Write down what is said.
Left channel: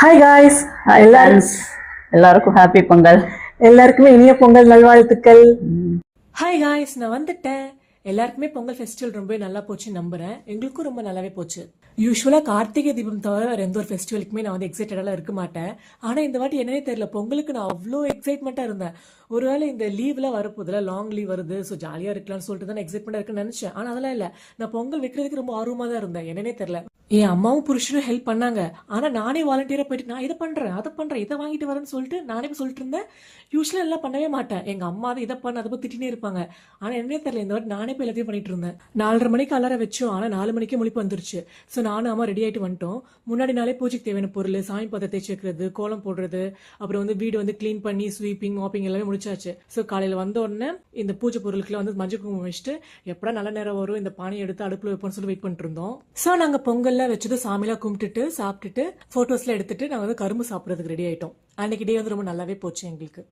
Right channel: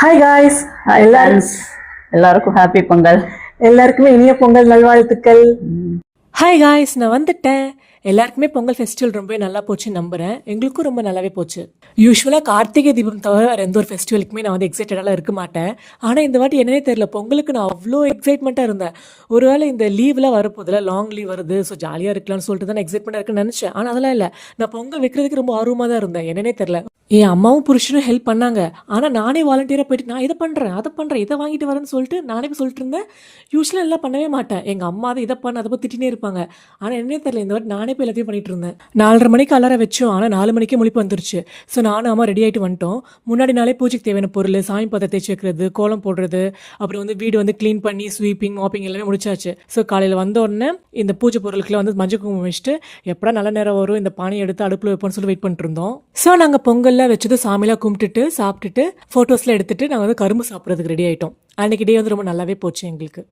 Hi guys, hi எல்லாரும் friends, எல்லாருக்கும் happy Pongal. எல்லாருக்குமே இனிய பொங்கல் நல்வாழ்த்துக்கள். ஹாய் காய்ஸ், நான் வந்துட்டேன். எல்லாருக்குமே பொங்கல் ஃபெஸ்டிவல் ரொம்பவே நல்லா போச்சுன்னு நம்புகிறேன். எங்களுக்கும் ரொம்ப நல்லாவே போச்சு. யூஸ்வலாக கார்த்திகை தீபம் தவிர வேறு எந்த ஒரு ஃபெஸ்டிவலுக்குமே நான் வந்து எக்ஸைட்டடாக இருக்க மாட்டேன். ஆனால் இந்த வாட்டி என்னன்னே தெரியல, பொங்கலுக்கு நான் அவ்வளோ எக்ஸைட்மெண்ட்டாக இருந்தேன். ஒருவேளை இந்த லீவ்லாம் வரப்போதில்ல, லாங் லீவ் வருது, ஸோ ஜாலியாக இருக்கலாம்னு சொல்லிட்டு தான் எக்ஸைட்மெண்ட்டாக இருக்குன்னு நினச்சேன். ஆனால் அதெல்லாம் இல்லை, நான் பொங்கல் வைக்கிறதுக்கு ரொம்ப ஆர்வமாக தான் இருந்தேன். என்னன்னே தெரியல, என் அம்மாவும் புருஷனும் ஹெல்ப் பண்ணாங்க. ஆனால் நானே வாலண்டியராக போயிட்டு நான் இதை பண்ணுறேன், அதை பண்ணுறேன், இதை வாங்கிட்டு வரேன்னு சொல்லிட்டு நானே சொல்லிட்டு இருந்தேன். யூஸ்வலாக எல்லாம் பண்ணவே மாட்டேன். எங்கள் அம்மா அதை இதை பண்ண அதை போய் திட்டினே இருப்பாங்க. ஆனால் என்னே தெரியல, இந்த வாட்டி நானே போய் எல்லாத்தையும் பண்ணிட்டு இருந்தேன். 4:30 மணிக்கு அலாரம் வச்சோம், ஆனால் 4 மணிக்கே முழிப்பு வந்துருச்சு. ஸோ நானும் அம்மா ரெடி ஆகிட்டு வந்துட்டோம். முன்னாடி நாளே பூஜைக்கு தேவையான பொருள், சாமி பதத்தை தேய்ச்சி வைக்கிறது, கோலம் போடுறது, அப்புறம் வந்து வீடு வந்து க்ளீன் பண்ணி ஸ்வீப்பிங் மாப்பிங் எல்லாமே முடிச்சாச்சு. ஸோ காலையில் வந்த உடனே இந்த பூஜை பொருளுக்குலாம் வந்து மஞ்சள் குங்குமம் வச்சுட்டு எப்படா நல்ல நேரம் வரும் இந்த பானையை எடுத்து அடுப்பில் வைப்போம்னு சொல்லி வெயிட் பண்ணிட்டு இருந்தோம். ஸோ நாங்கள் பொங்கல்லாம் வச்சது சாமியெல்லாம் கும்பிட்டுட்டு சாப்பிட்டுட்டு ஃபோட்டோஸ்லாம் எடுத்துட்டு நாங்கள் வந்து கரும்பு சாப்பிட்றதுக்கு ரெடி ஆகிட்டோம். அன்றைக்கி டே வந்து ரொம்ப நல்லாவே போச்சு எங்களுக்கு.